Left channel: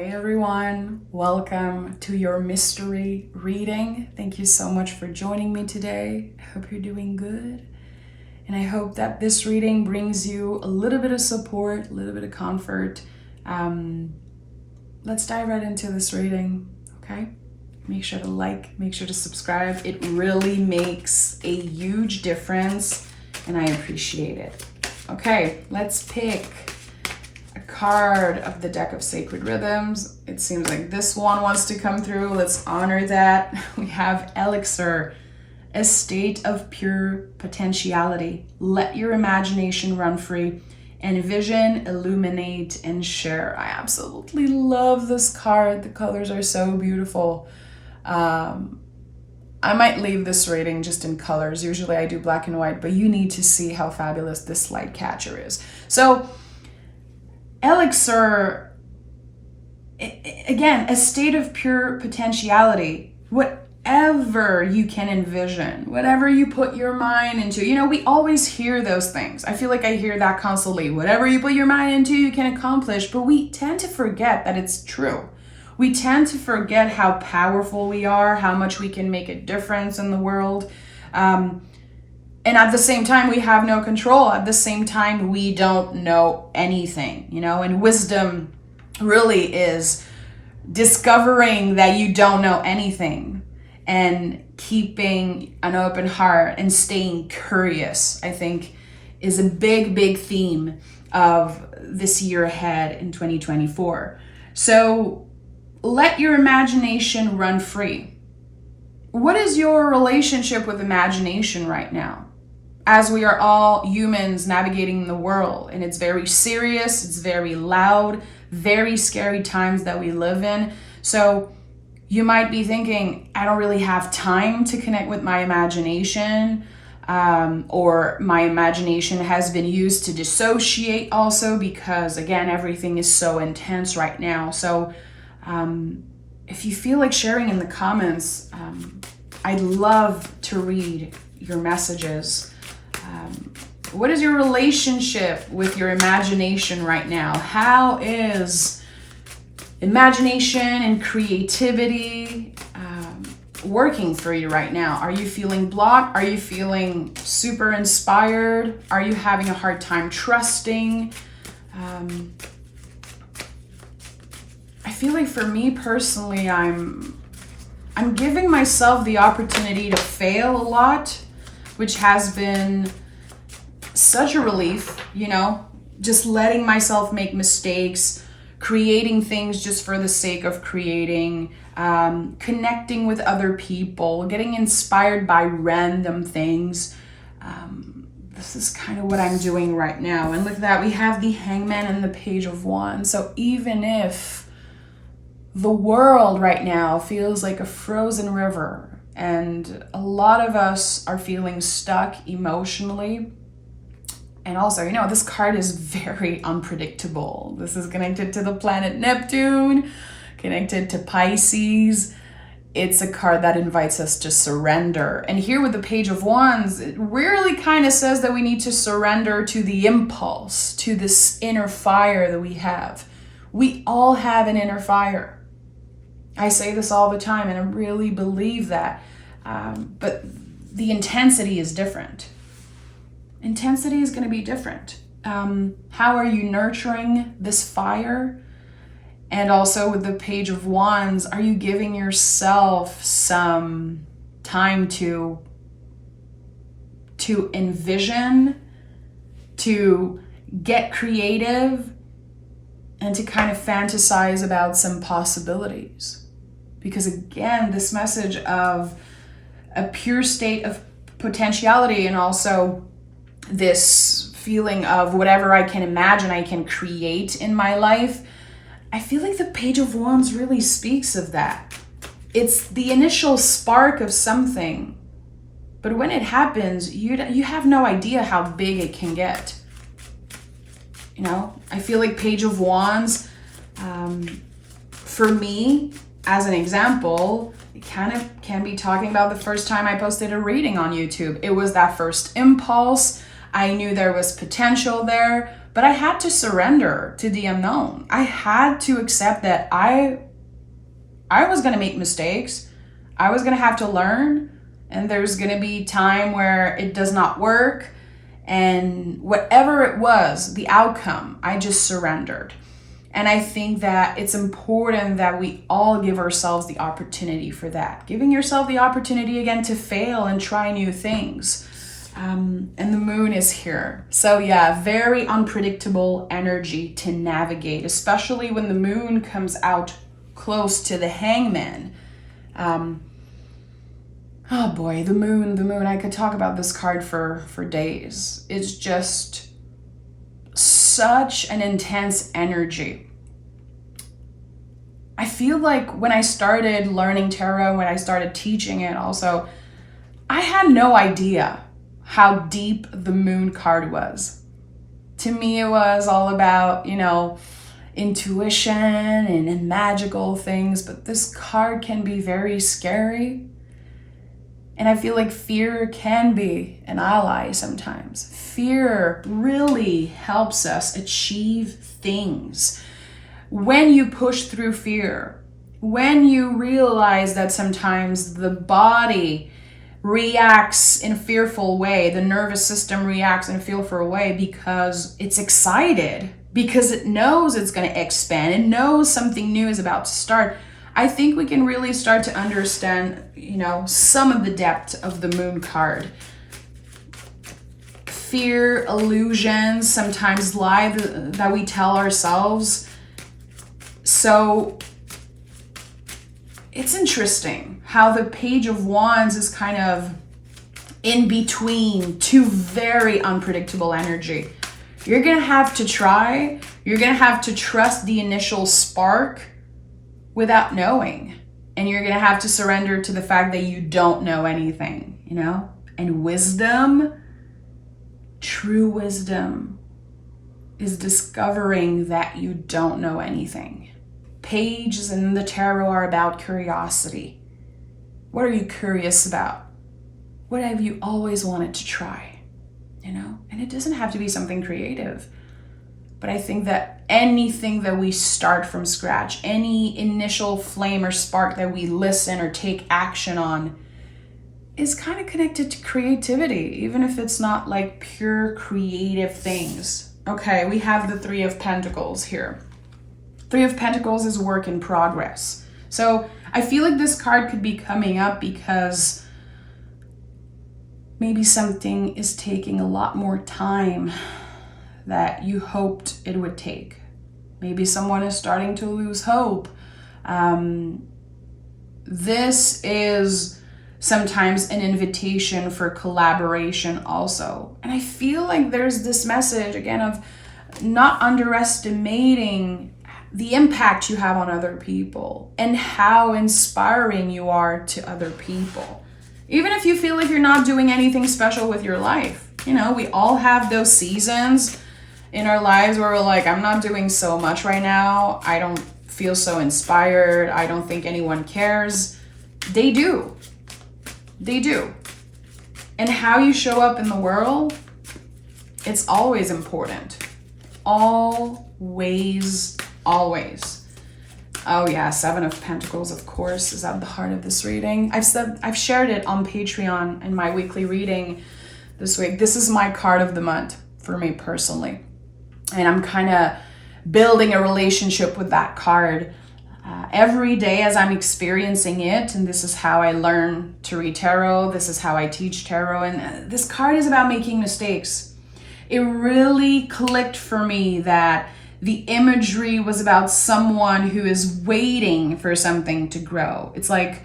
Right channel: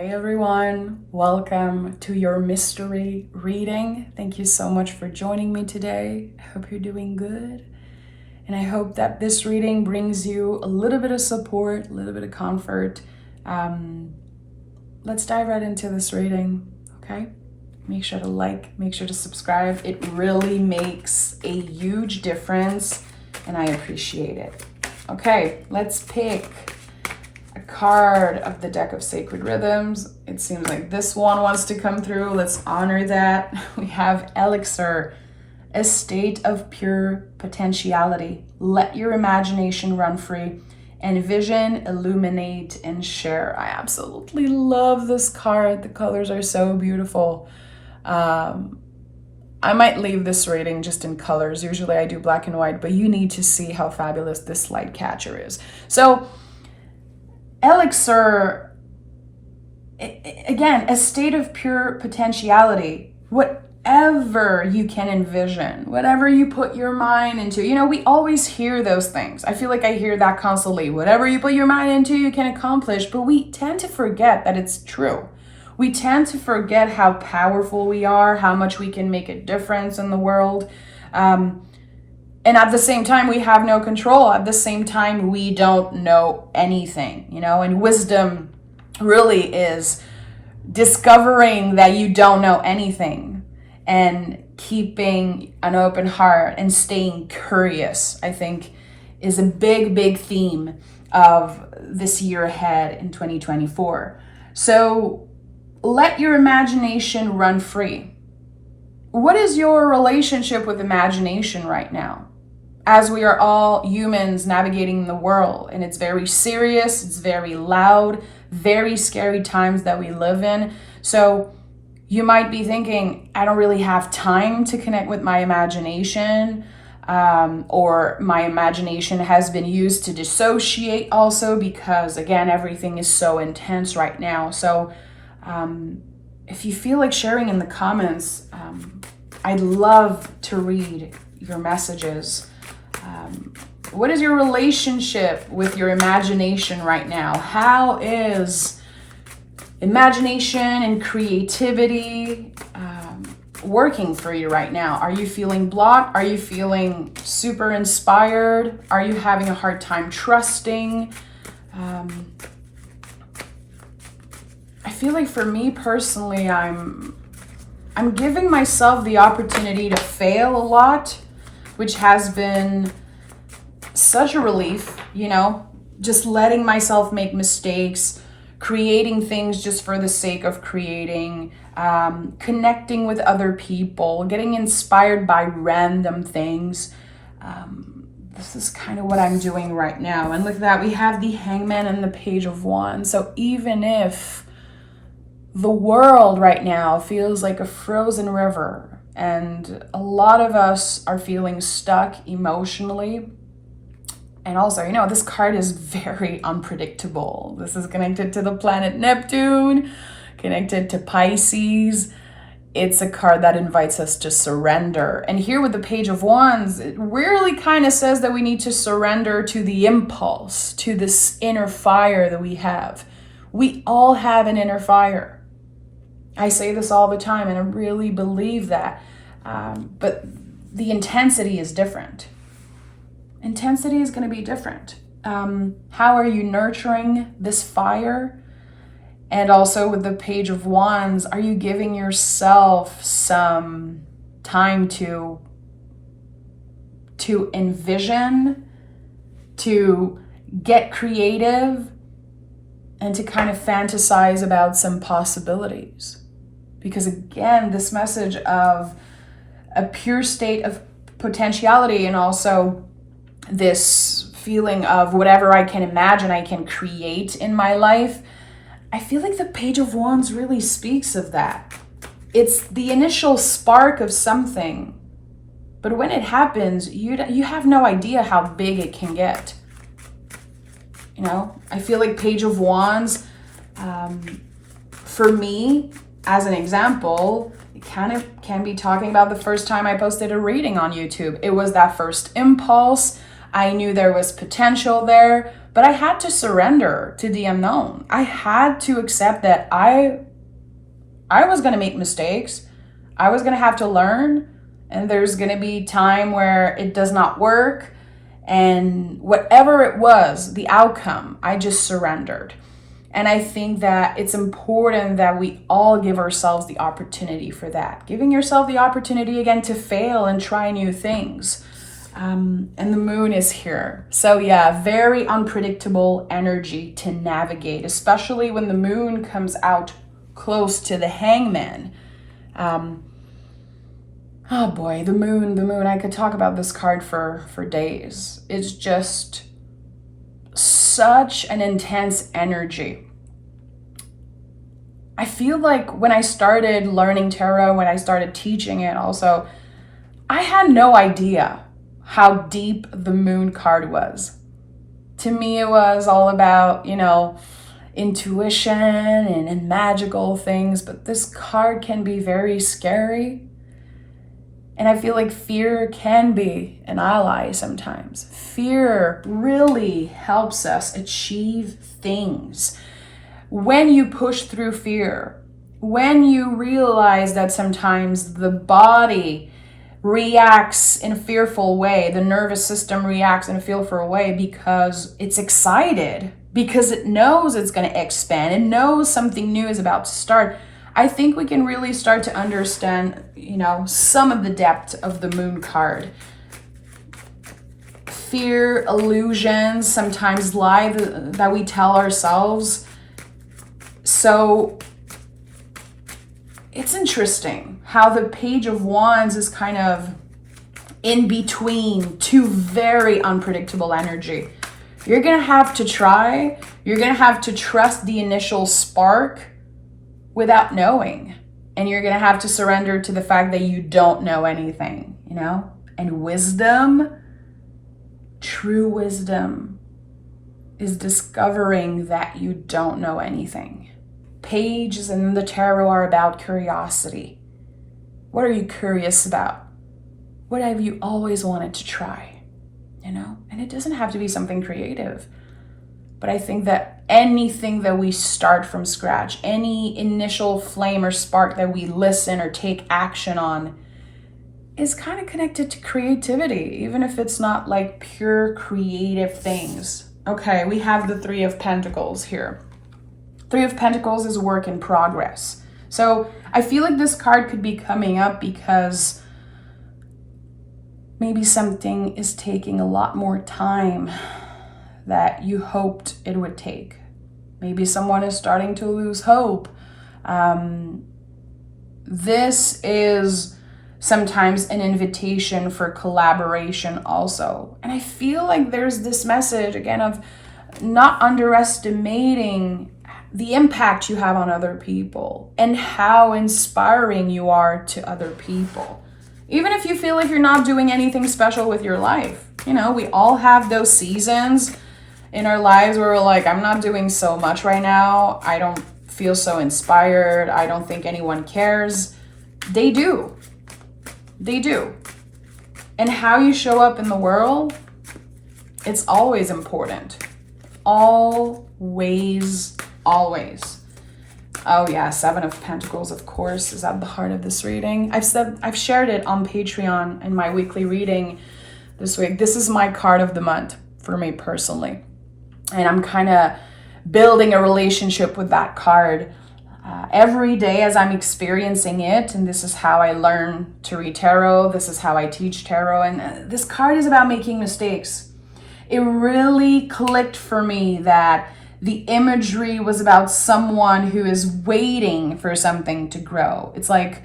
Hey everyone, welcome to your mystery reading. Thank you so much for joining me today. I hope you're doing good. And I hope that this reading brings you a little bit of support, a little bit of comfort. Let's dive right into this reading, okay? Make sure to like, make sure to subscribe. It really makes a huge difference and I appreciate it. Okay, let's pick a card of the deck of sacred rhythms. It seems like this one wants to come through. Let's honor that. We have Elixir, a state of pure potentiality. Let your imagination run free. Envision, illuminate, and share. I absolutely love this card. The colors are so beautiful. I might leave this reading just in colors. Usually I do black and white, but you need to see how fabulous this light catcher is. So Elixir, again, a state of pure potentiality. Whatever you can envision, whatever you put your mind into. You know, we always hear those things. I feel like I hear that constantly. Whatever you put your mind into, you can accomplish. But we tend to forget that it's true. We tend to forget how powerful we are, how much we can make a difference in the world. And at the same time, we have no control. At the same time, we don't know anything, you know, and wisdom really is discovering that you don't know anything and keeping an open heart and staying curious, I think, is a big, big theme of this year ahead in 2024. So let your imagination run free. What is your relationship with imagination right now? As we are all humans navigating the world, and it's very serious, it's very loud, very scary times that we live in. So you might be thinking, I don't really have time to connect with my imagination, or my imagination has been used to dissociate also because, again, everything is so intense right now. So if you feel like sharing in the comments, I'd love to read your messages. What is your relationship with your imagination right now? How is imagination and creativity working for you right now? Are you feeling blocked? Are you feeling super inspired? Are you having a hard time trusting? I feel like for me personally, I'm giving myself the opportunity to fail a lot, which has been such a relief, you know, just letting myself make mistakes, creating things just for the sake of creating, connecting with other people, getting inspired by random things. This is kind of what I'm doing right now. And look at that, we have the Hangman and the Page of Wands. So even if the world right now feels like a frozen river, and a lot of us are feeling stuck emotionally. And also, you know, this card is very unpredictable. This is connected to the planet Neptune, connected to Pisces. It's a card that invites us to surrender. And here with the Page of Wands, it really kind of says that we need to surrender to the impulse, to this inner fire that we have. We all have an inner fire. I say this all the time, and I really believe that. But the intensity is different. Intensity is going to be different. How are you nurturing this fire? And also with the Page of Wands, are you giving yourself some time to envision, to get creative, and to kind of fantasize about some possibilities? Because again, this message of a pure state of potentiality, and also this feeling of whatever I can imagine, I can create in my life. I feel like the Page of Wands really speaks of that. It's the initial spark of something, but when it happens, you have no idea how big it can get. You know, I feel like Page of Wands, for me, as an example, it kind of can be talking about the first time I posted a reading on YouTube. It was that first impulse. I knew there was potential there, But I had to surrender to the unknown. I had to accept that I was going to make mistakes. I was going to have to learn, and there's going to be time where it does not work. And whatever it was, the outcome, I just surrendered. And I think that it's important that we all give ourselves the opportunity for that. Giving yourself the opportunity again to fail and try new things. And the moon is here. So yeah, very unpredictable energy to navigate, especially when the moon comes out close to the hangman. Oh boy, the moon. I could talk about this card for days. It's just such an intense energy. I feel like when I started learning tarot, when I started teaching it also, I had no idea how deep the moon card was. To me, it was all about, intuition and magical things, but this card can be very scary. And I feel like fear can be an ally sometimes. Fear really helps us achieve things. When you push through fear, when you realize that sometimes the body reacts in a fearful way, the nervous system reacts in a fearful way because it's excited, because it knows it's going to expand, it knows something new is about to start. I think we can really start to understand, some of the depth of the moon card. Fear, illusions, sometimes lie that we tell ourselves. So it's interesting how the Page of Wands is kind of in between two very unpredictable energy. You're going to have to try. You're going to have to trust the initial spark without knowing. And you're going to have to surrender to the fact that you don't know anything, And wisdom, true wisdom, is discovering that you don't know anything. Pages in the tarot are about curiosity. What are you curious about? What have you always wanted to try? And it doesn't have to be something creative. But I think that anything that we start from scratch, any initial flame or spark that we listen or take action on, is kind of connected to creativity, even if it's not like pure creative things. Okay, we have the Three of Pentacles here. Three of Pentacles is work in progress. So I feel like this card could be coming up because maybe something is taking a lot more time that you hoped it would take. Maybe someone is starting to lose hope. This is sometimes an invitation for collaboration also. And I feel like there's this message, again, of not underestimating the impact you have on other people and how inspiring you are to other people. Even if you feel like you're not doing anything special with your life. We all have those seasons in our lives where we're like, I'm not doing so much right now. I don't feel so inspired. I don't think anyone cares. They do. They do. And how you show up in the world, it's always important. Always. Oh yeah, Seven of Pentacles, of course, is at the heart of this reading. I've shared it on Patreon in my weekly reading this week. This is my card of the month for me personally. And I'm kind of building a relationship with that card every day as I'm experiencing it. And this is how I learn to read tarot. This is how I teach tarot. And this card is about making mistakes. It really clicked for me that the imagery was about someone who is waiting for something to grow. It's like,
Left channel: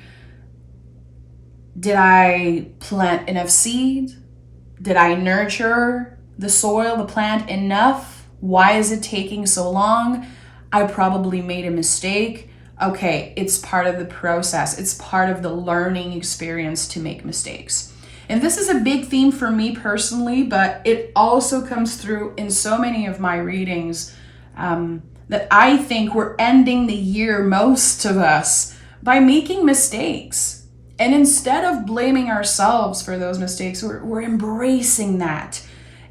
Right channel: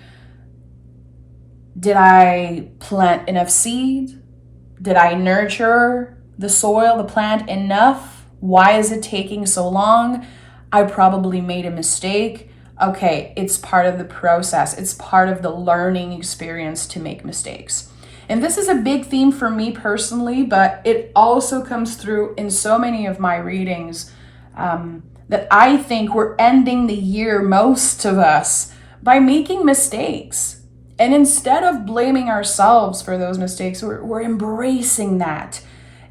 did I plant enough seed? Did I nurture the soil, the plant enough? Why is it taking so long? I probably made a mistake. Okay, it's part of the process. It's part of the learning experience to make mistakes. And this is a big theme for me personally, but it also comes through in so many of my readings. That I think we're ending the year, most of us, by making mistakes. And instead of blaming ourselves for those mistakes, we're embracing that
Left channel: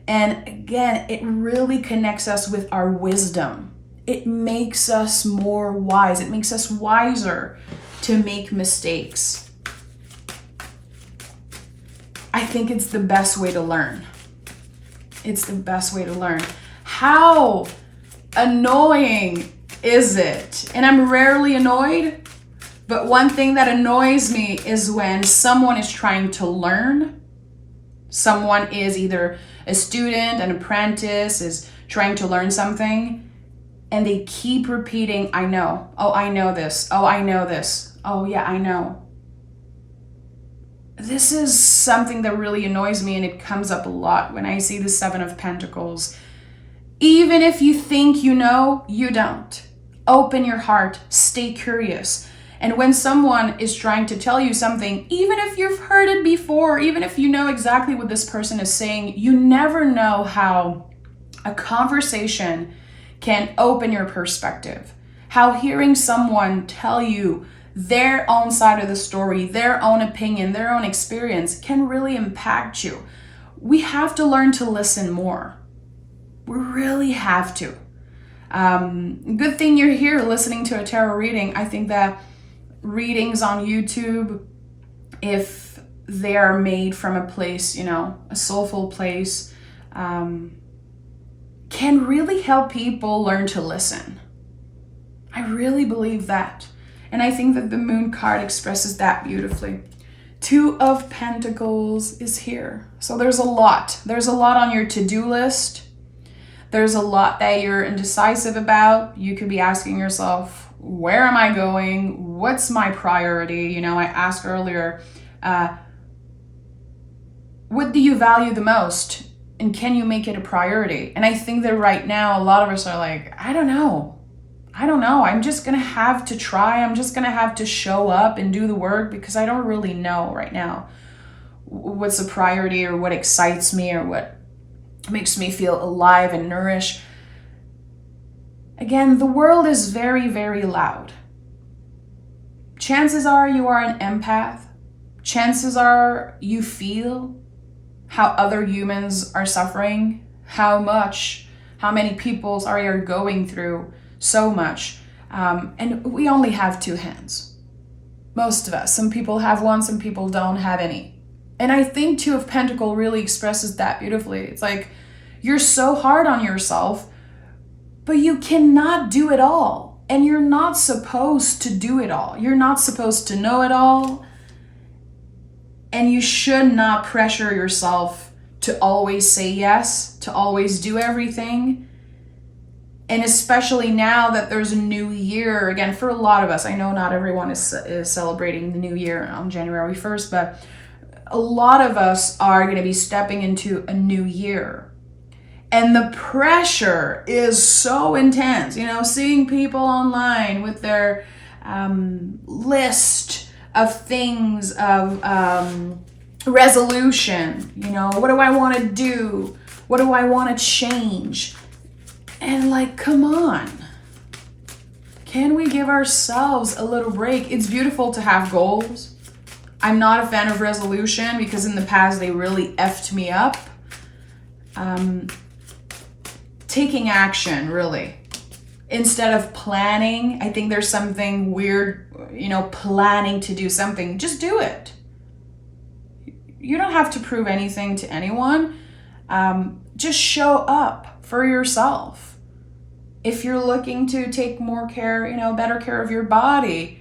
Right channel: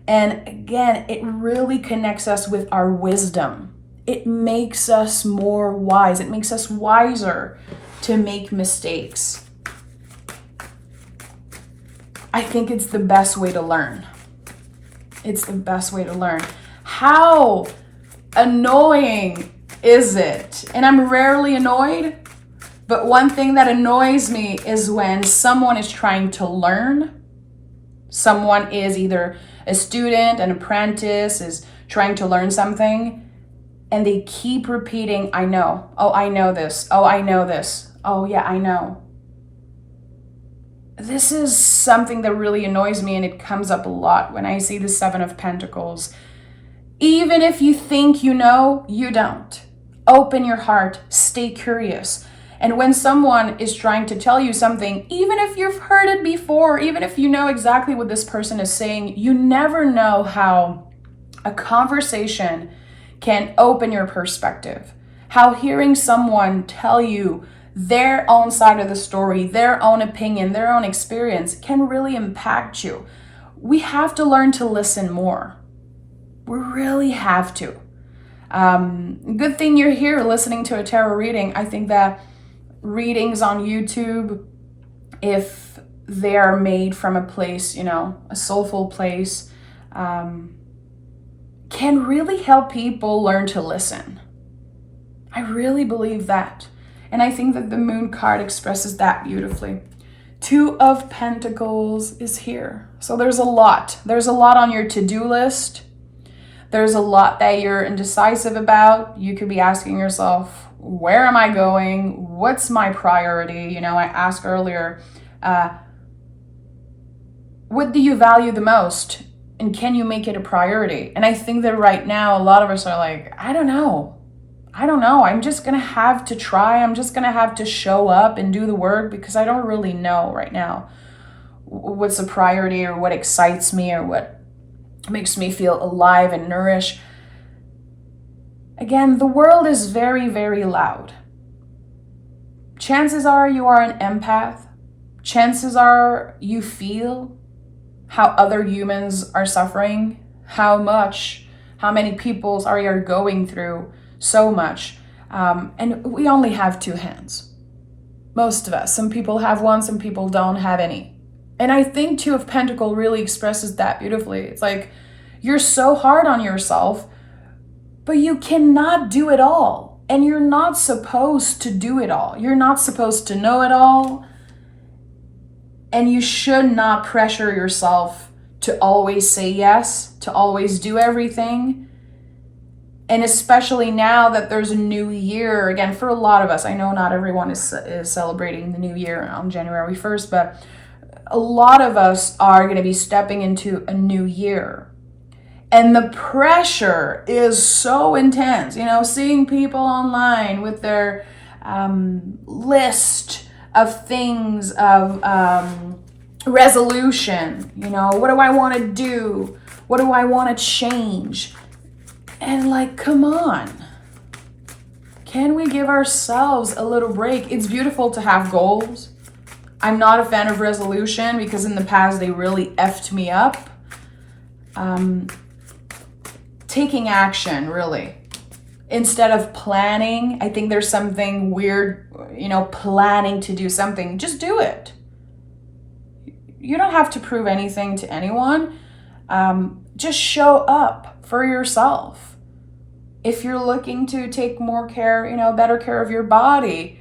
And again, it really connects us with our wisdom. It makes us more wise. It makes us wiser to make mistakes. I think it's the best way to learn. It's the best way to learn. How annoying is it? And I'm rarely annoyed, but one thing that annoys me is when someone is trying to learn. Someone is either a student, an apprentice, is trying to learn something, and they keep repeating, I know. Oh, I know this. Oh, I know this. Oh, yeah, I know. This is something that really annoys me, and it comes up a lot when I see the Seven of Pentacles. Even if you think you know, you don't. Open your heart, stay curious. And when someone is trying to tell you something, even if you've heard it before, even if you know exactly what this person is saying, you never know how a conversation can open your perspective. How hearing someone tell you their own side of the story, their own opinion, their own experience can really impact you. We have to learn to listen more. We really have to. Good thing you're here listening to a tarot reading. I think that readings on YouTube, if they are made from a place, a soulful place, can really help people learn to listen. I really believe that. And I think that the Moon card expresses that beautifully. Two of Pentacles is here. So there's a lot. There's a lot on your to-do list. There's a lot that you're indecisive about. You could be asking yourself, where am I going? What's my priority? I asked earlier, what do you value the most? And can you make it a priority? And I think that right now, a lot of us are like, I don't know. I'm just going to have to try. I'm just going to have to show up and do the work because I don't really know right now what's a priority or what excites me or what makes me feel alive and nourished. Again, the world is very, very loud. Chances are you are an empath. Chances are you feel how other humans are suffering, how many people are going through so much. And we only have two hands. Most of us. Some people have one, some people don't have any. And I think Two of Pentacles really expresses that beautifully. It's like, you're so hard on yourself, but you cannot do it all. And you're not supposed to do it all. You're not supposed to know it all. And you should not pressure yourself to always say yes, to always do everything. And especially now that there's a new year, again, for a lot of us, I know not everyone is celebrating the new year on January 1st, but a lot of us are going to be stepping into a new year. And the pressure is so intense, seeing people online with their list of things, of resolution, what do I want to do? What do I want to change? And come on. Can we give ourselves a little break? It's beautiful to have goals. I'm not a fan of resolution because in the past they really effed me up. Taking action, really. Instead of planning, I think there's something weird, planning to do something. Just do it. You don't have to prove anything to anyone. Just show up for yourself. If you're looking to take more care, better care of your body,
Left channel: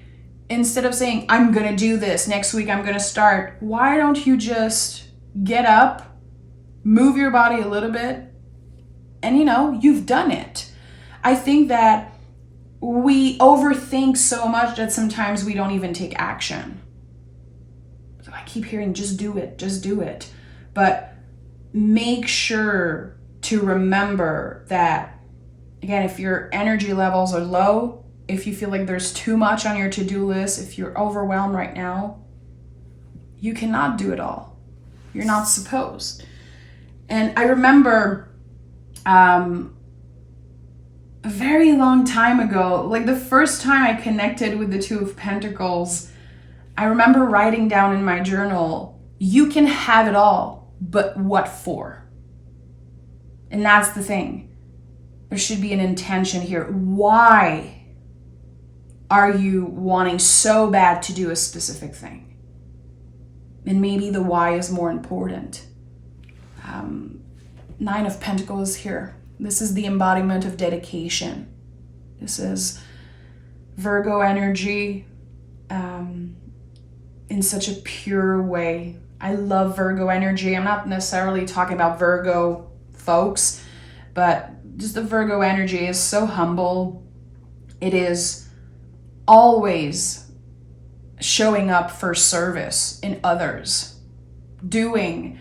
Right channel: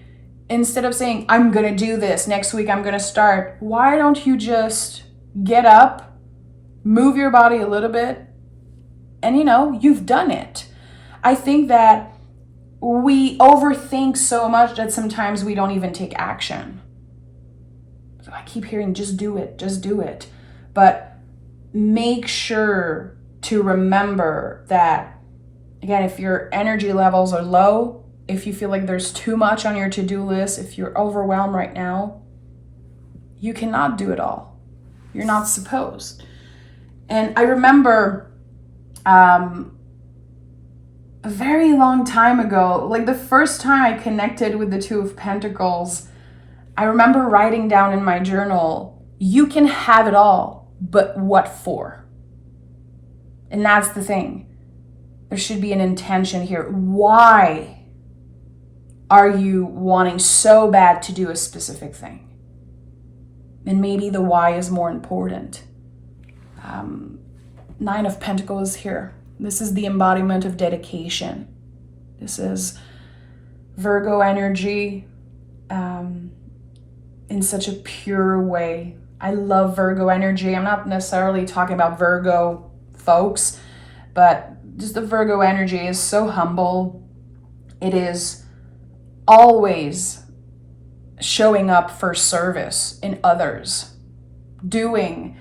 instead of saying, I'm going to do this, next week I'm going to start, why don't you just get up, move your body a little bit, and you've done it. I think that we overthink so much that sometimes we don't even take action. So I keep hearing, just do it. But make sure to remember that, again, if your energy levels are low, if you feel like there's too much on your to-do list, if you're overwhelmed right now, you cannot do it all. You're not supposed. And I remember a very long time ago, the first time I connected with the Two of Pentacles, I remember writing down in my journal, you can have it all, but what for? And that's the thing. There should be an intention here. Why are you wanting so bad to do a specific thing? And maybe the why is more important. Nine of Pentacles here. This is the embodiment of dedication. This is Virgo energy in such a pure way. I love Virgo energy. I'm not necessarily talking about Virgo folks, but just the Virgo energy is so humble. It is always showing up for service in others, doing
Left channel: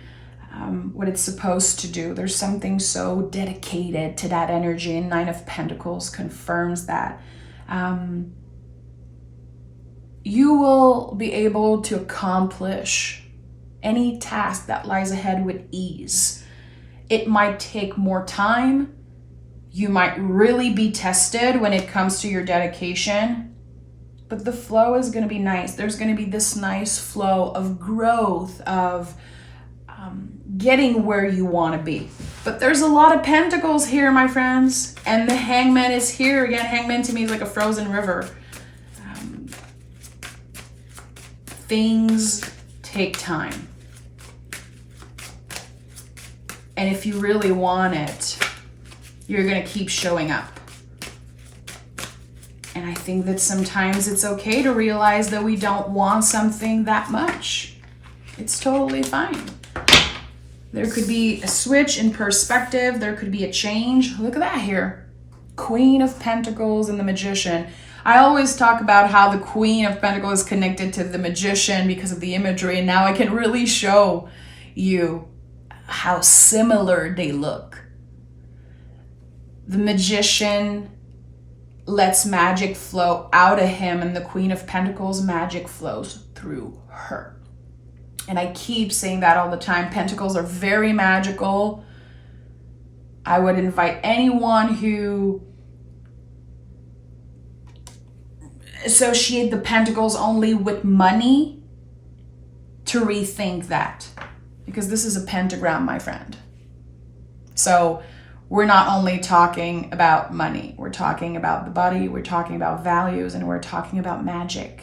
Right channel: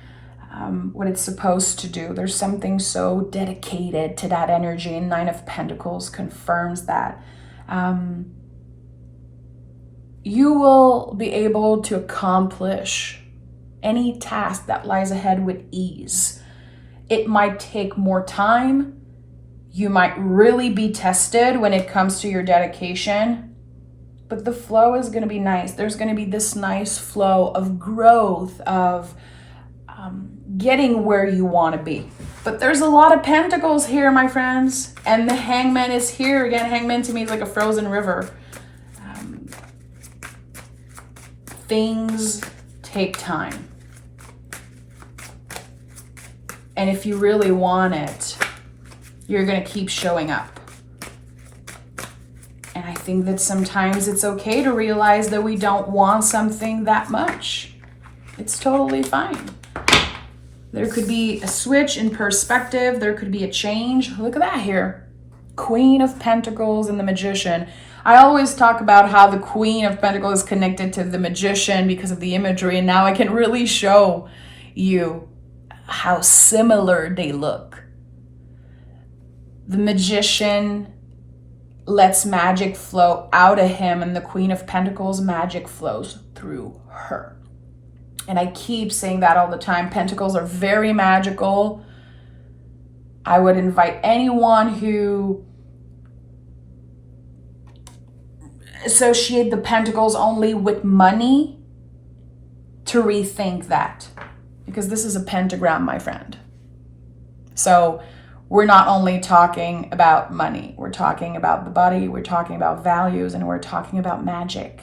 what it's supposed to do. There's something so dedicated to that energy, and Nine of Pentacles confirms that. You will be able to accomplish any task that lies ahead with ease. It might take more time. You might really be tested when it comes to your dedication, but the flow is going to be nice. There's going to be this nice flow of growth, of getting where you want to be. But there's a lot of pentacles here, my friends, and the Hangman is here. Again, Hangman to me is like a frozen river. Things take time. And if you really want it, you're going to keep showing up. And I think that sometimes it's okay to realize that we don't want something that much. It's totally fine. There could be a switch in perspective. There could be a change. Look at that here. Queen of Pentacles and the Magician. I always talk about how the Queen of Pentacles is connected to the Magician because of the imagery. And now I can really show you how similar they look. The Magician lets magic flow out of him, and the Queen of Pentacles, magic flows through her. And I keep saying that all the time. Pentacles are very magical. I would invite anyone who associate the Pentacles only with money to rethink that. Because this is a pentagram, my friend. So we're not only talking about money. We're talking about the body. We're talking about values. And we're talking about magic.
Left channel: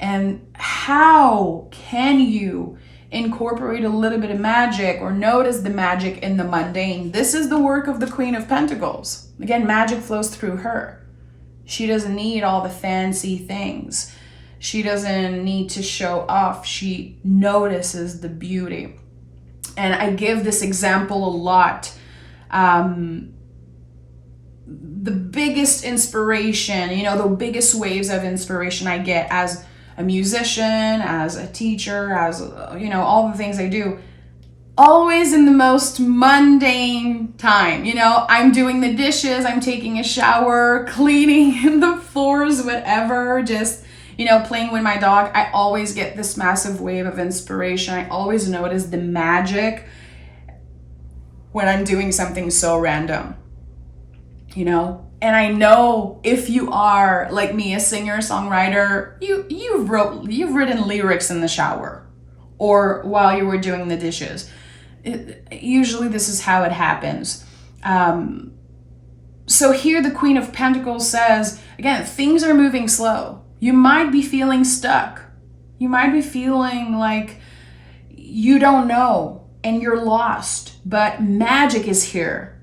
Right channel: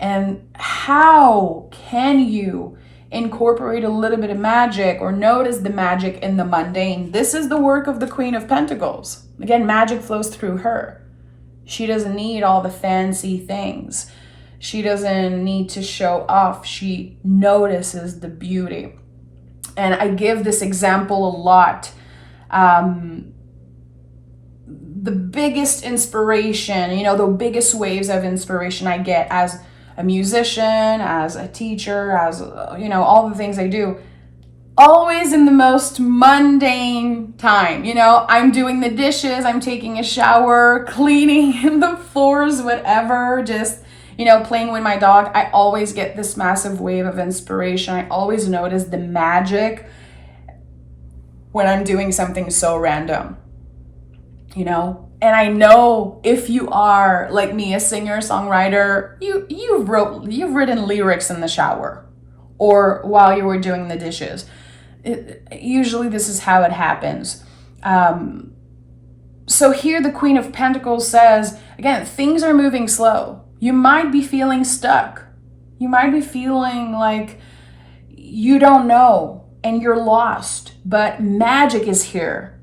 And how can you incorporate a little bit of magic or notice the magic in the mundane? This is the work of the Queen of Pentacles. Again, magic flows through her. She doesn't need all the fancy things. She doesn't need to show off. She notices the beauty. And I give this example a lot. The biggest inspiration, the biggest waves of inspiration I get as a musician, as a teacher, as, all the things I do, always in the most mundane time. I'm doing the dishes, I'm taking a shower, cleaning the floors, whatever, just, playing with my dog. I always get this massive wave of inspiration. I always notice the magic when I'm doing something so random, And I know if you are like me, a singer, songwriter, you've written lyrics in the shower or while you were doing the dishes. Usually this is how it happens. So here the Queen of Pentacles says, again, things are moving slow. You might be feeling stuck. You might be feeling like you don't know and you're lost, but magic is here.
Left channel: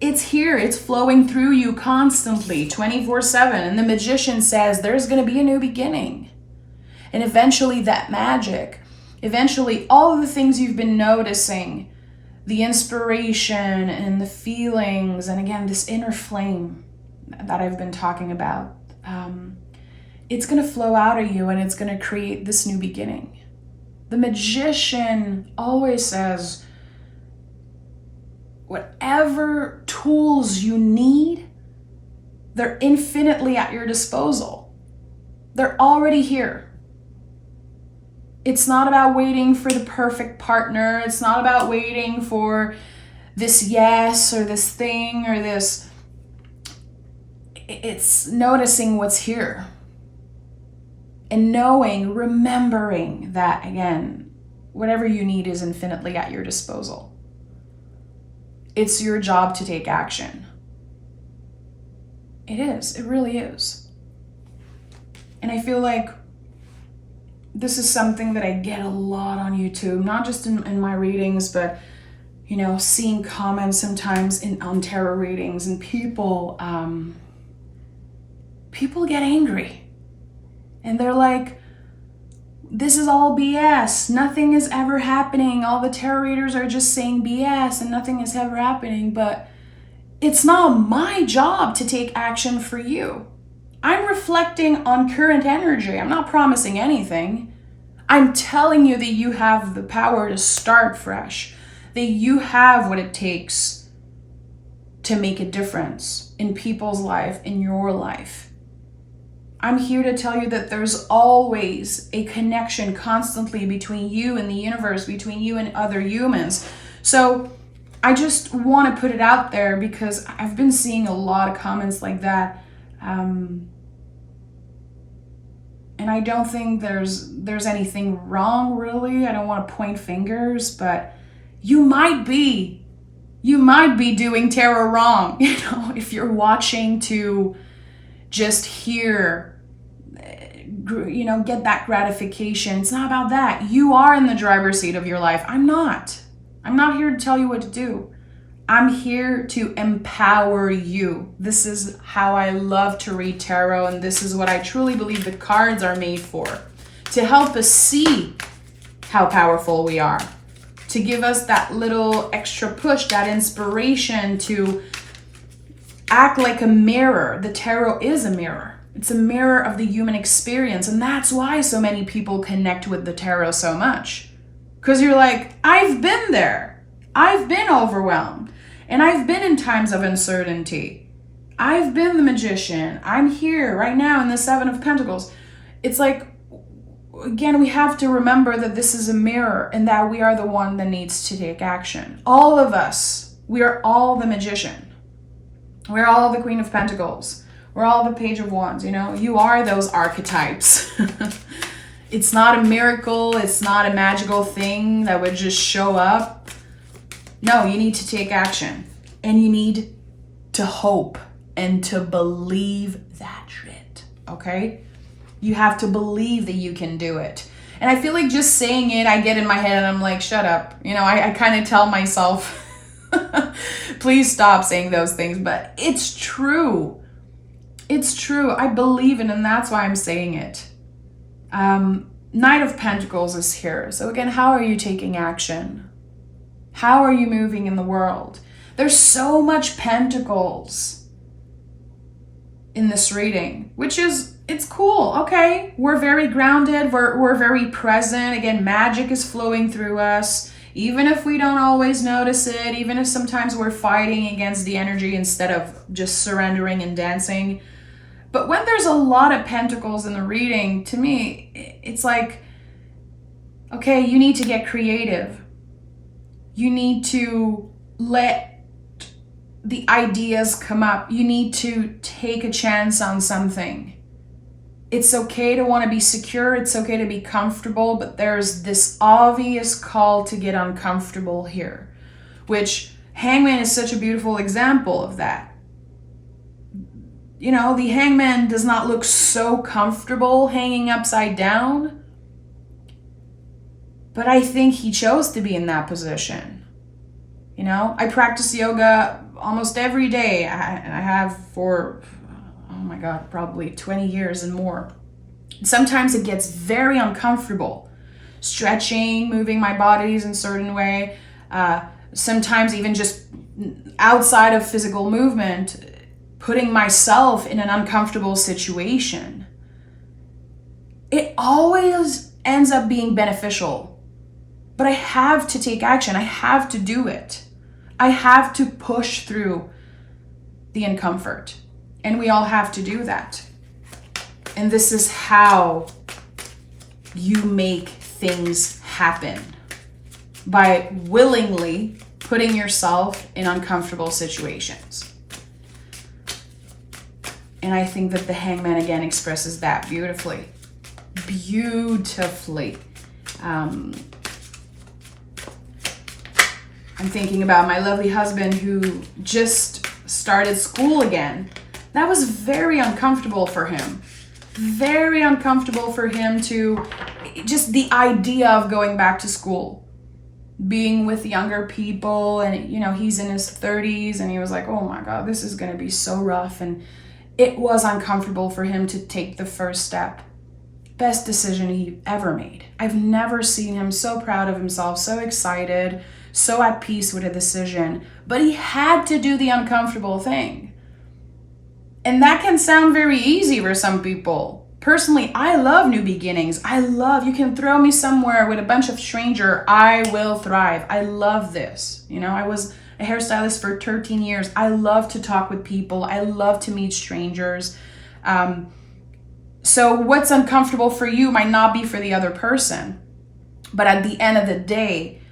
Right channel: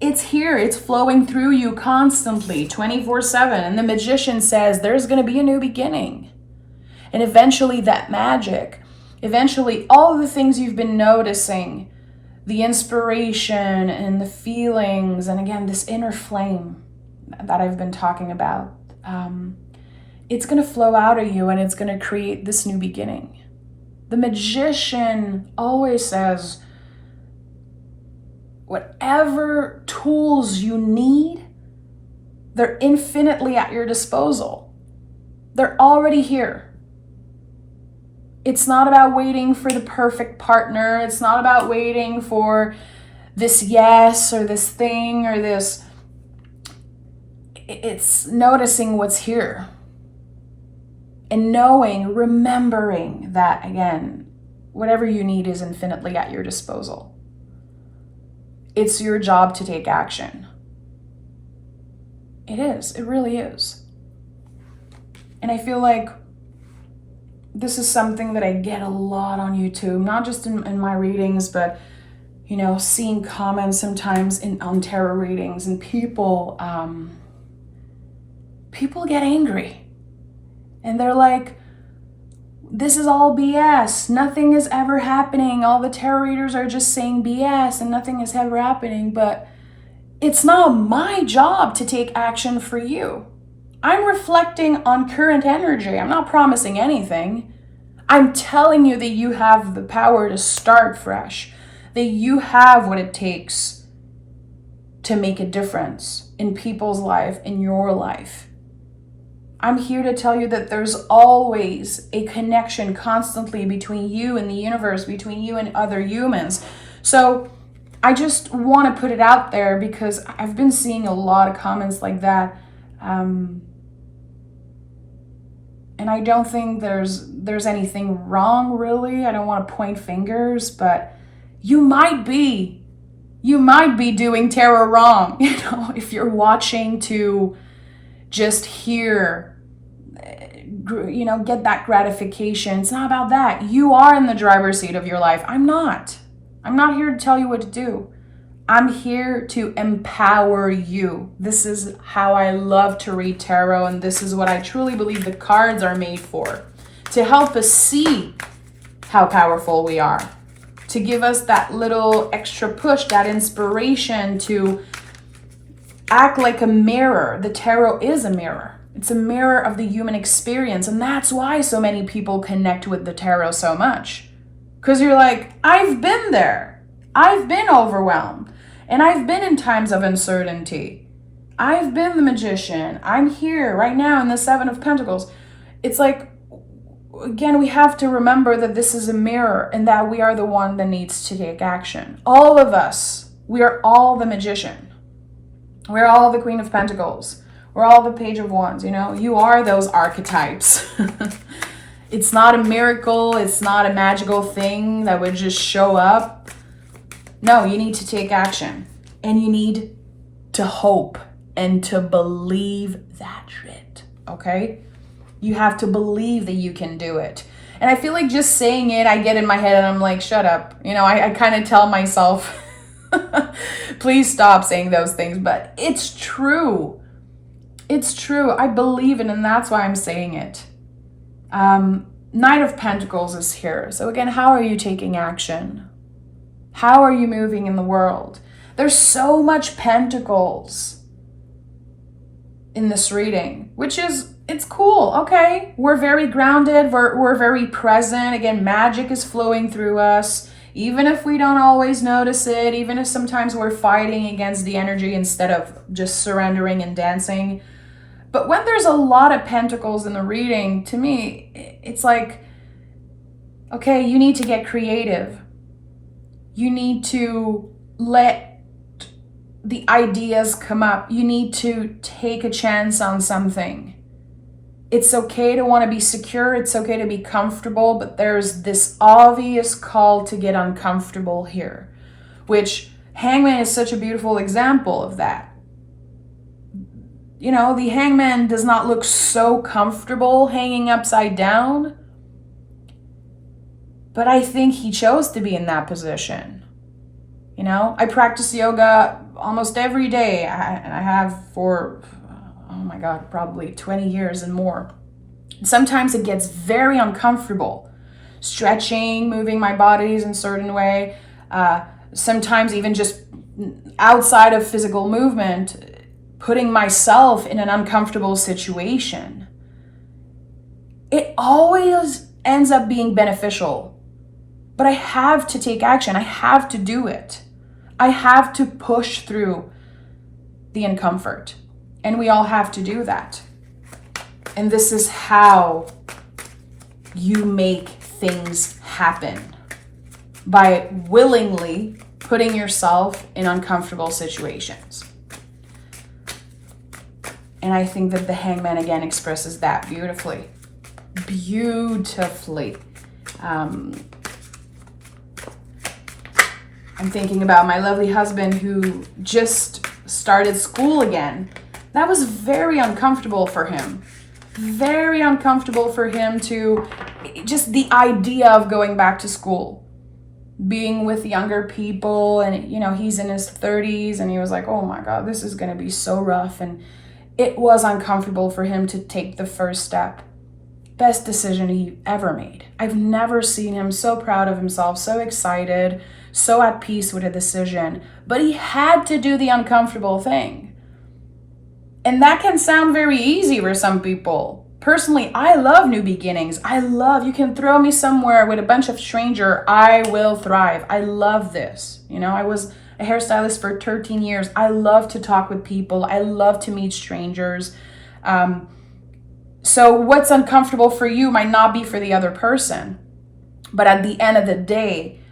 It's here. It's flowing through you constantly, 24/7. And the Magician says there's going to be a new beginning. And eventually that magic, eventually all of the things you've been noticing, the inspiration and the feelings, and again, this inner flame that I've been talking about, it's going to flow out of you and it's going to create this new beginning. The Magician always says, whatever tools you need, they're infinitely at your disposal. They're already here. It's not about waiting for the perfect partner. It's not about waiting for this yes or this thing or this. It's noticing what's here. And knowing, remembering that, again, whatever you need is infinitely at your disposal. it's your job to take action. It is. It really is. And I feel like this is something that I get a lot on YouTube, not just in my readings, but, you know, seeing comments sometimes on tarot readings, and people get angry. And they're like, this is all BS. Nothing is ever happening. All the tarot readers are just saying BS and nothing is ever happening. But it's not my job to take action for you. I'm reflecting on current energy. I'm not promising anything. I'm telling you that you have the power to start fresh, that you have what it takes to make a difference in people's life, in your life. I'm here to tell you that there's always a connection constantly between you and the universe, between you and other humans. So I just want to put it out there because I've been seeing a lot of comments like that. And I don't think there's anything wrong, really. I don't want to point fingers, but you might be doing tarot wrong, you know, if you're watching to just hear, you know, get that gratification. It's not about that. You are in the driver's seat of your life. I'm not here to tell you what to do. I'm here to empower you. This is how I love to read tarot, and this is what I truly believe the cards are made for. To help us see how powerful we are. To give us that little extra push, that inspiration to act like a mirror. The tarot is a mirror. It's a mirror of the human experience, and that's why so many people connect with the tarot so much. Because you're like, I've been there. I've been overwhelmed. And I've been in times of uncertainty. I've been the magician. I'm here right now in the Seven of Pentacles. It's like, again, we have to remember that this is a mirror and that we are the one that needs to take action. All of us, we are all the magician. We're all the Queen of Pentacles. We're all the Page of Wands, you know? You are those archetypes. It's not a miracle. It's not a magical thing that would just show up. No, you need to take action. And you need to hope and to believe that shit, okay? You have to believe that you can do it. And I feel like just saying it, I get in my head and I'm like, shut up. You know, I kind of tell myself, please stop saying those things. But it's true. It's true. I believe it, and that's why I'm saying it. Knight of Pentacles is here. So again, how are you taking action? How are you moving in the world? There's so much pentacles in this reading, which is, it's cool. Okay, we're very grounded. We're very present. Again, magic is flowing through us. Even if we don't always notice it, even if sometimes we're fighting against the energy instead of just surrendering and dancing. But when there's a lot of pentacles in the reading, to me, it's like, okay, you need to get creative. You need to let the ideas come up. You need to take a chance on something. It's okay to want to be secure. It's okay to be comfortable, but there's this obvious call to get uncomfortable here, which Hangman is such a beautiful example of that. You know, the Hangman does not look so comfortable hanging upside down, but I think he chose to be in that position. You know, I practice yoga almost every day. I have for, oh my God, probably 20 years and more. Sometimes it gets very uncomfortable. Stretching, moving my bodies in a certain way. Sometimes even just outside of physical movement, putting myself in an uncomfortable situation. It always ends up being beneficial. But I have to take action. I have to do it. I have to push through the uncomfort. And we all have to do that. And this is how you make things happen. By willingly putting yourself in uncomfortable situations. And I think that the Hangman again expresses that beautifully. Beautifully. I'm thinking about my lovely husband who just started school again. That was very uncomfortable for him. Very uncomfortable for him to, just the idea of going back to school, being with younger people, and he's in his 30s, and he was like, oh my God, this is going to be so rough. And it was uncomfortable for him to take the first step. Best decision he ever made. I've never seen him so proud of himself, so excited, so at peace with a decision, but he had to do the uncomfortable thing. And that can sound very easy for some people. Personally, I love new beginnings. You can throw me somewhere with a bunch of strangers, I will thrive. I love this. I was a hairstylist for 13 years. I love to talk with people. I love to meet strangers. So what's uncomfortable for you might not be for the other person. But at the end of the day,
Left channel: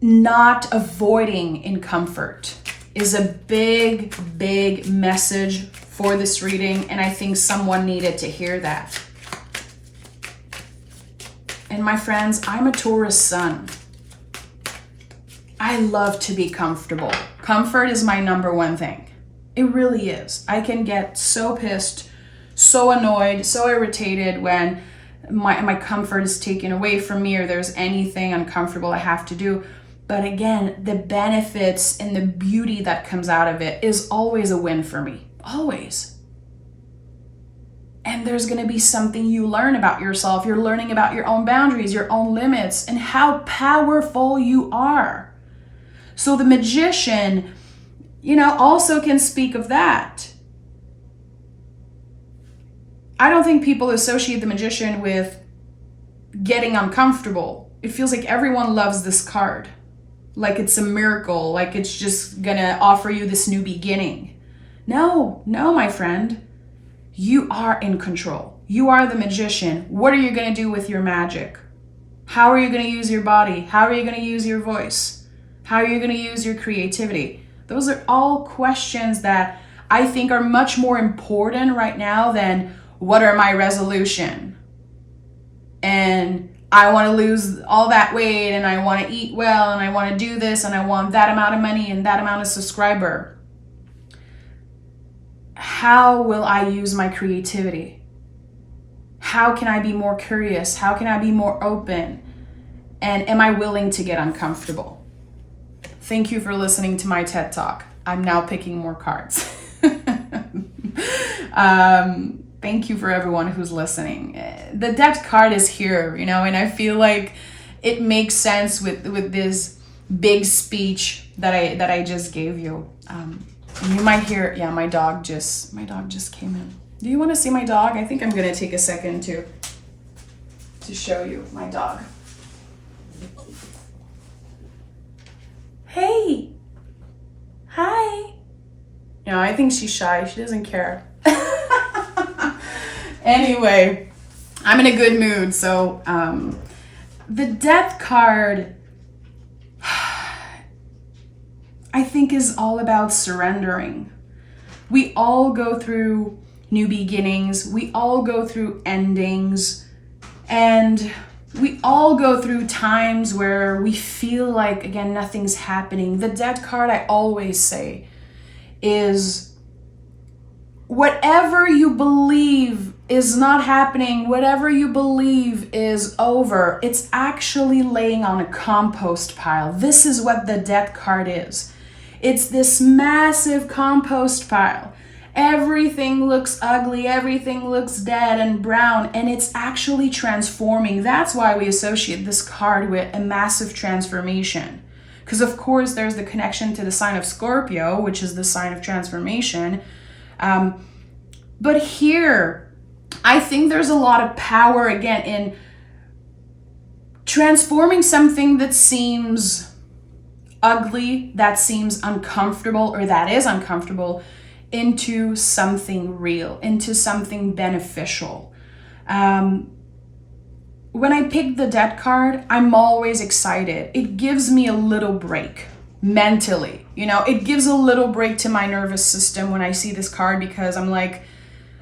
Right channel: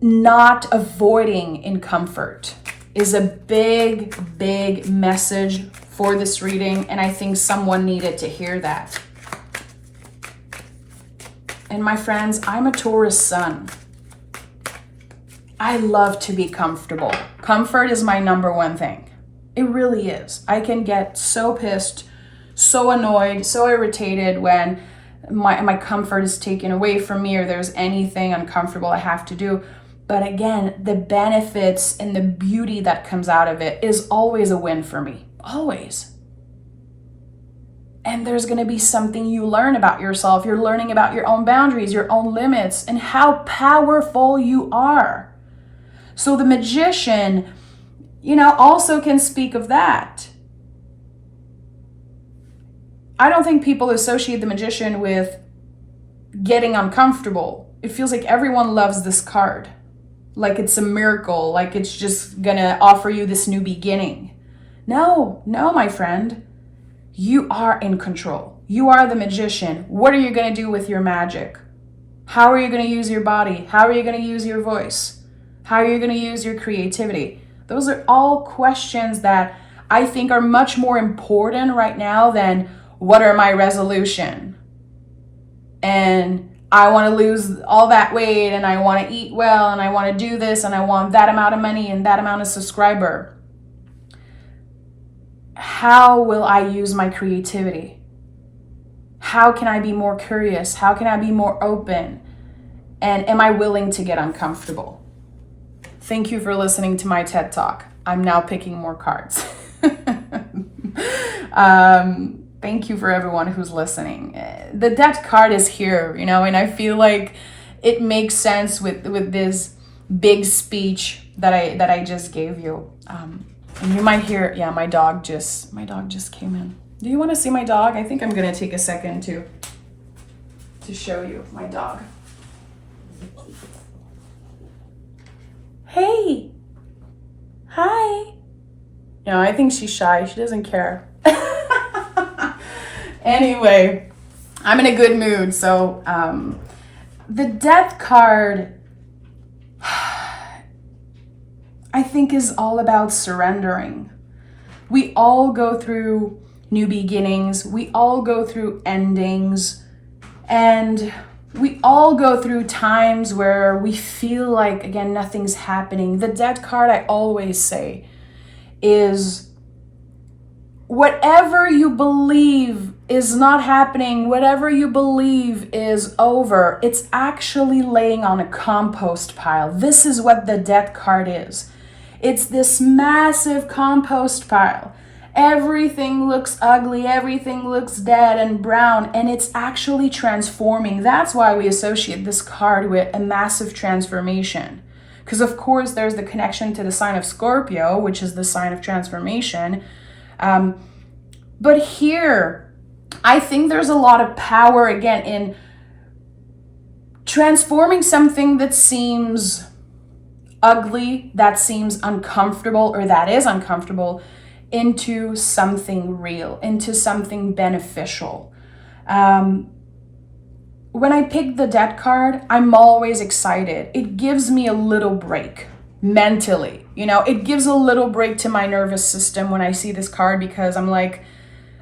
not avoiding in comfort is a big, big message for this reading, and I think someone needed to hear that. And my friends, I'm a Taurus sun. I love to be comfortable. Comfort is my number one thing. It really is. I can get so pissed, so annoyed, so irritated when my comfort is taken away from me or there's anything uncomfortable I have to do. But again, the benefits and the beauty that comes out of it is always a win for me. Always. And there's going to be something you learn about yourself. You're learning about your own boundaries, your own limits, and how powerful you are. So the magician, also can speak of that. I don't think people associate the magician with getting uncomfortable. It feels like everyone loves this card. Like it's a miracle, like it's just gonna offer you this new beginning. No, my friend. You are in control. You are the magician. What are you gonna do with your magic? How are you gonna use your body? How are you gonna use your voice? How are you gonna use your creativity? Those are all questions that I think are much more important right now than what are my resolution? And I want to lose all that weight, and I want to eat well, and I want to do this, and I want that amount of money and that amount of subscriber. How will I use my creativity? How can I be more curious? How can I be more open? And am I willing to get uncomfortable? Thank you for listening to my TED Talk. I'm now picking more cards. Thank you for everyone who's listening. The Death card is here, and I feel like it makes sense with this big speech that I just gave you. And you might hear, my dog just came in. Do you want to see my dog? I think I'm gonna take a second to show you my dog. Hey, hi. I think she's shy. She doesn't care. Anyway, I'm in a good mood. So the Death card, I think, is all about surrendering. We all go through new beginnings. We all go through endings. And we all go through times where we feel like, again, nothing's happening. The Death card, I always say, is whatever you believe is not happening, whatever you believe is over, it's actually laying on a compost pile. This is what the Death card is. It's this massive compost pile. Everything looks ugly, everything looks dead and brown, and it's actually transforming. That's why we associate this card with a massive transformation. Because of course there's the connection to the sign of Scorpio, which is the sign of transformation. But here, I think there's a lot of power, again, in transforming something that seems ugly, that seems uncomfortable, or that is uncomfortable, into something real, into something beneficial. When I pick the Death card, I'm always excited. It gives me a little break mentally. It gives a little break to my nervous system when I see this card, because I'm like,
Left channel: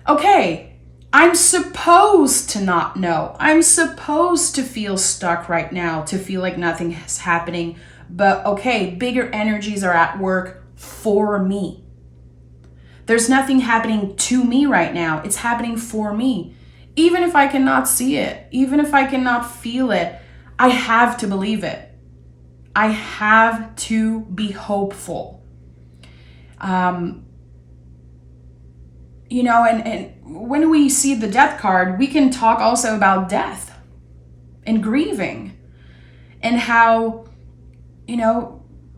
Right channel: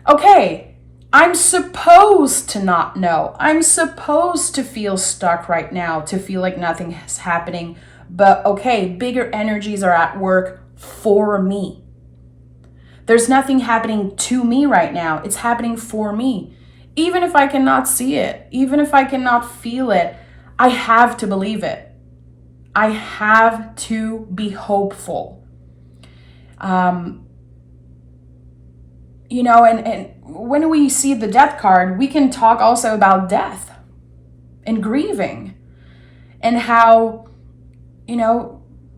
okay, I'm supposed to not know. I'm supposed to feel stuck right now, to feel like nothing is happening. But okay, bigger energies are at work for me. There's nothing happening to me right now. It's happening for me. Even if I cannot see it, even if I cannot feel it, I have to believe it. I have to be hopeful. And when we see the death card, we can talk also about death and grieving and how,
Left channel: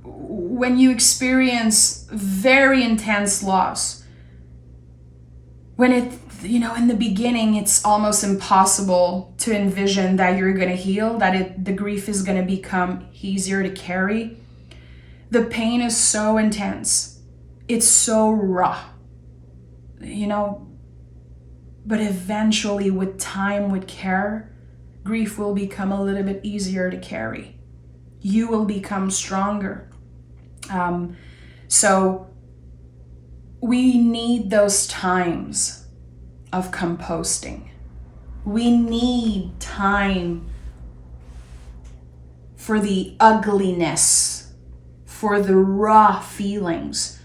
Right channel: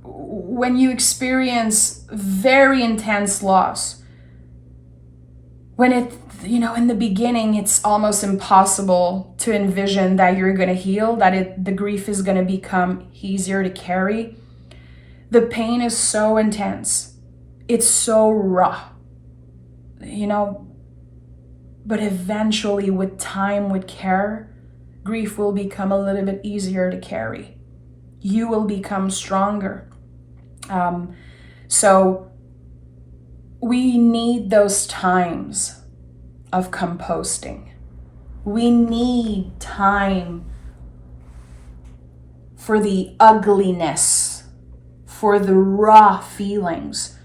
when you experience very intense loss, when in the beginning, it's almost impossible to envision that you're going to heal, that the grief is going to become easier to carry. The pain is so intense. It's so raw, but eventually with time, with care, grief will become a little bit easier to carry. You will become stronger. So we need those times of composting. We need time for the ugliness, for the raw feelings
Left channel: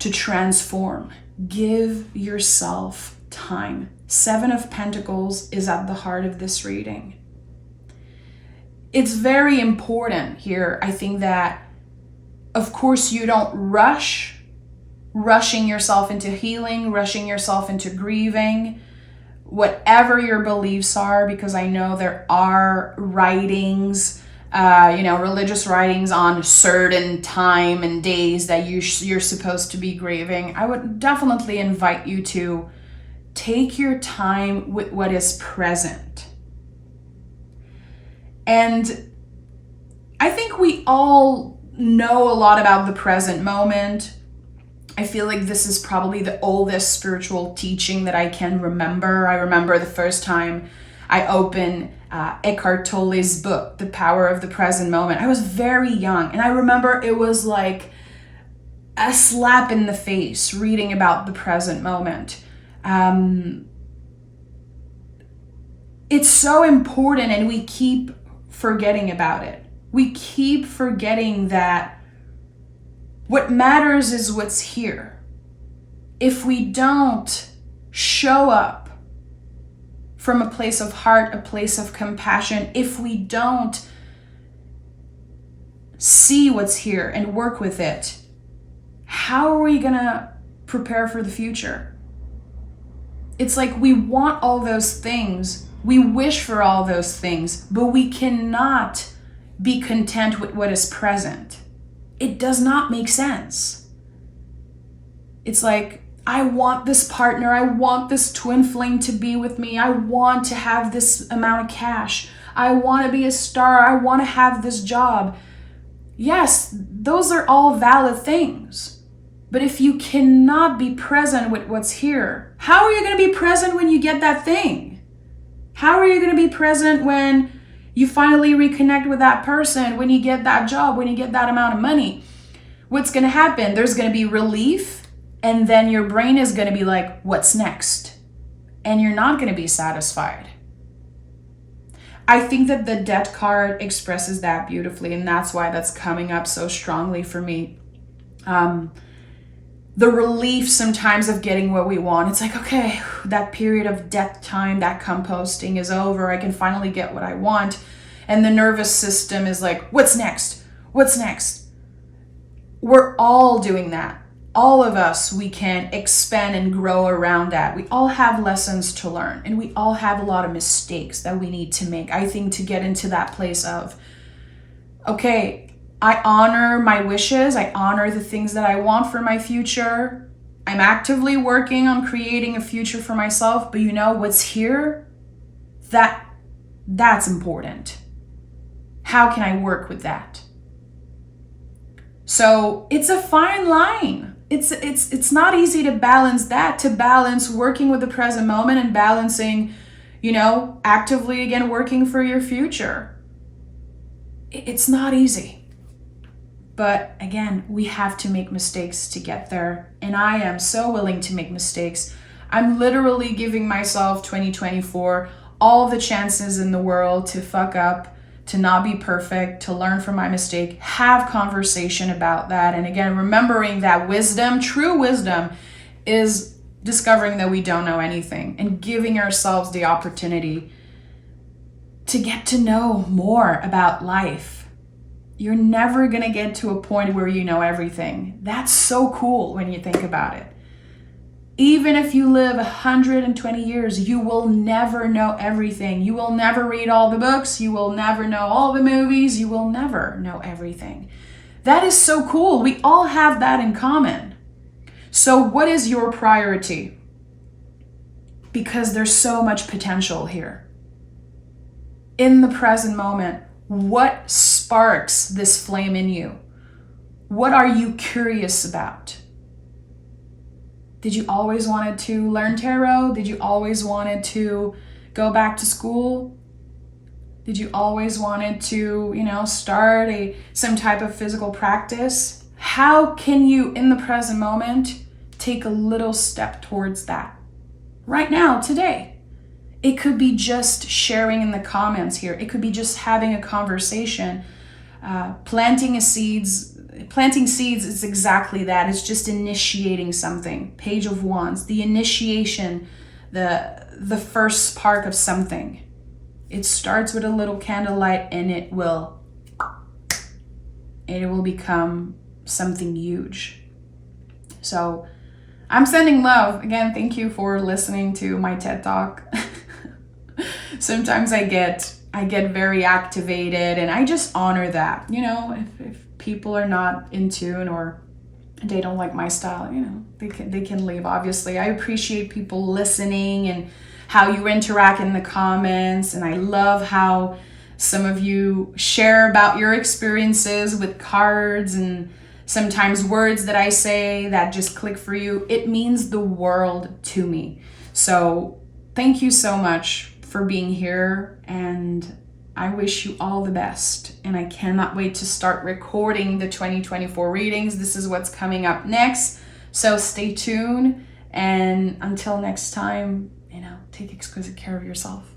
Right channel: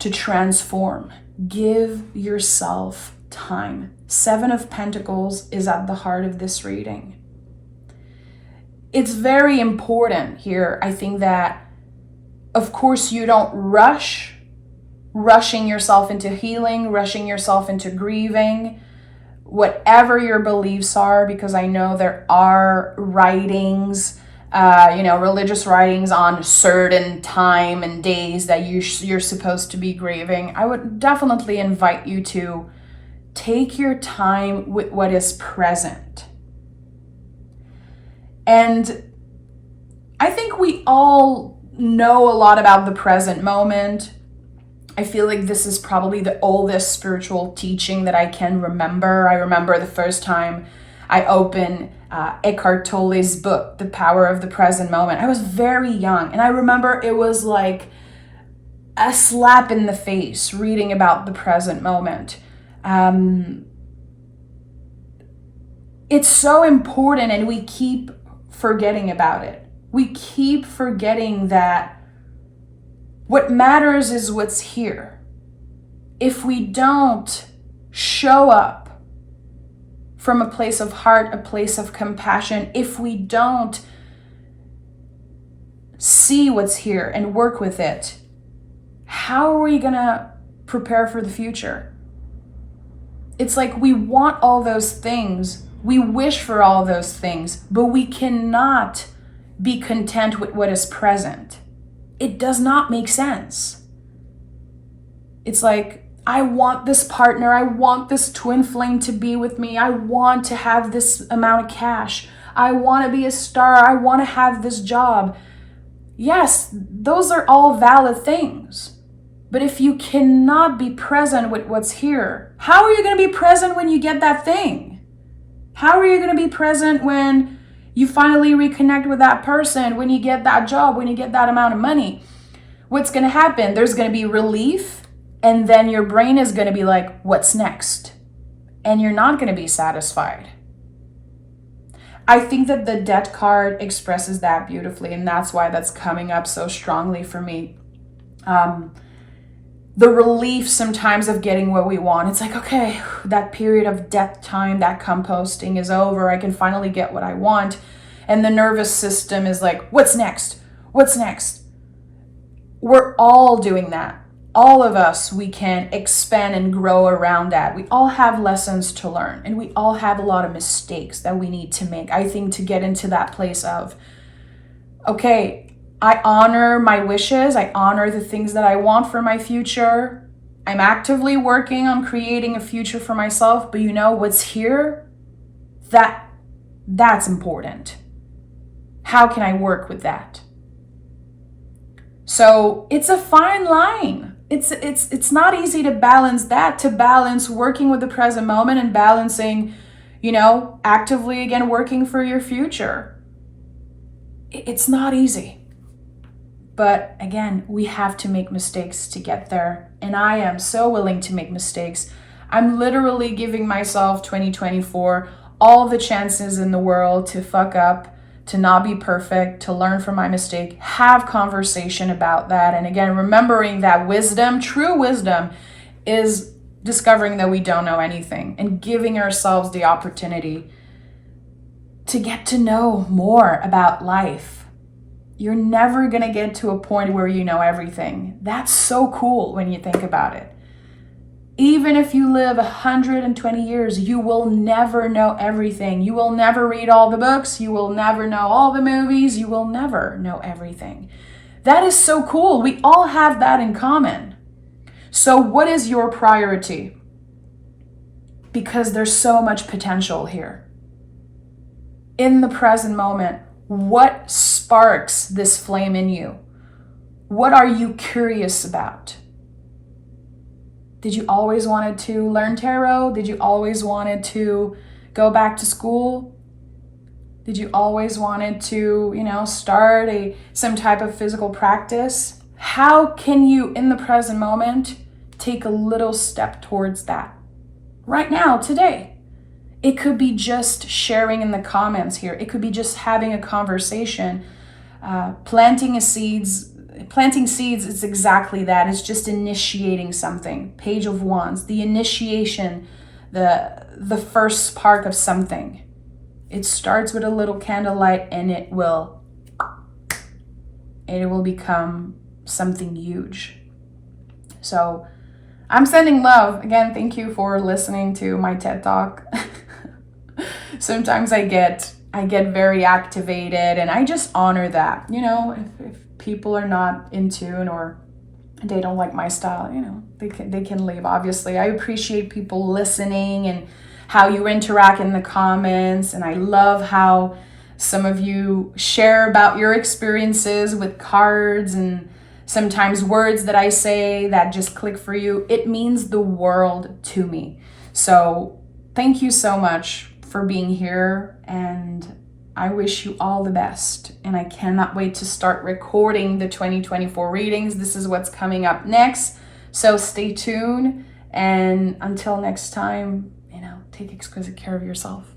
to transform. Give yourself time. 7 of Pentacles is at the heart of this reading. It's very important here, I think, that of course you don't rushing yourself into healing, rushing yourself into grieving, whatever your beliefs are, because I know there are writings, religious writings on certain time and days that you're supposed to be grieving. I would definitely invite you to take your time with what is present. And I think we all know a lot about the present moment. I feel like this is probably the oldest spiritual teaching that I can remember. I remember the first time I opened Eckhart Tolle's book, The Power of the Present Moment. I was very young, and I remember it was like a slap in the face reading about the present moment. It's so important, and we keep forgetting about it. We keep forgetting that what matters is what's here. If we don't show up from a place of heart, a place of compassion, if we don't see what's here and work with it, how are we gonna prepare for the future? It's like we want all those things, we wish for all those things, but we cannot be content with what is present. It does not make sense. It's like, I want this partner, I want this twin flame to be with me, I want to have this amount of cash, I want to be a star, I want to have this job. Yes, those are all valid things. But if you cannot be present with what's here, how are you going to be present when you get that thing? How are you going to be present when you finally reconnect with that person, when you get that job, when you get that amount of money? What's going to happen? There's going to be relief, and then your brain is going to be like, what's next? And you're not going to be satisfied. I think that the Death card expresses that beautifully, and that's why that's coming up so strongly for me. The relief sometimes of getting what we want. It's like, okay, that period of death time, that composting is over. I can finally get what I want. And the nervous system is like, what's next? What's next? We're all doing that. All of us, we can expand and grow around that. We all have lessons to learn, and we all have a lot of mistakes that we need to make, I think, to get into that place of, okay, I honor my wishes. I honor the things that I want for my future. I'm actively working on creating a future for myself, but what's here? That's important. How can I work with that? So it's a fine line. It's not easy to balance that, to balance working with the present moment and balancing, actively again working for your future. It's not easy. But again, we have to make mistakes to get there. And I am so willing to make mistakes. I'm literally giving myself 2024 all the chances in the world to fuck up, to not be perfect, to learn from my mistake, have conversation about that. And again, remembering that wisdom, true wisdom, is discovering that we don't know anything and giving ourselves the opportunity to get to know more about life. You're never going to get to a point where you know everything. That's so cool when you think about it. Even if you live 120 years, you will never know everything. You will never read all the books. You will never know all the movies. You will never know everything. That is so cool. We all have that in common. So what is your priority? Because there's so much potential here. In the present moment, what sparks this flame in you? What are you curious about? Did you always wanted to learn tarot? Did you always wanted to go back to school? Did you always wanted to, start some type of physical practice? How can you, in the present moment, take a little step towards that? Right now, today. It could be just sharing in the comments here. It could be just having a conversation. Planting seeds is exactly that. It's just initiating something. Page of Wands, the initiation, the first spark of something. It starts with a little candlelight and it will become something huge. So I'm sending love. Again, thank you for listening to my TED Talk. Sometimes I get very activated and I just honor that. If people are not in tune or they don't like my style, they can leave. Obviously, I appreciate people listening and how you interact in the comments, and I love how some of you share about your experiences with cards and sometimes words that I say that just click for you. It means the world to me. So thank you so much for being here, and I wish you all the best. And I cannot wait to start recording the 2024 readings. This is what's coming up next. So stay tuned. And until next time, take exquisite care of yourself.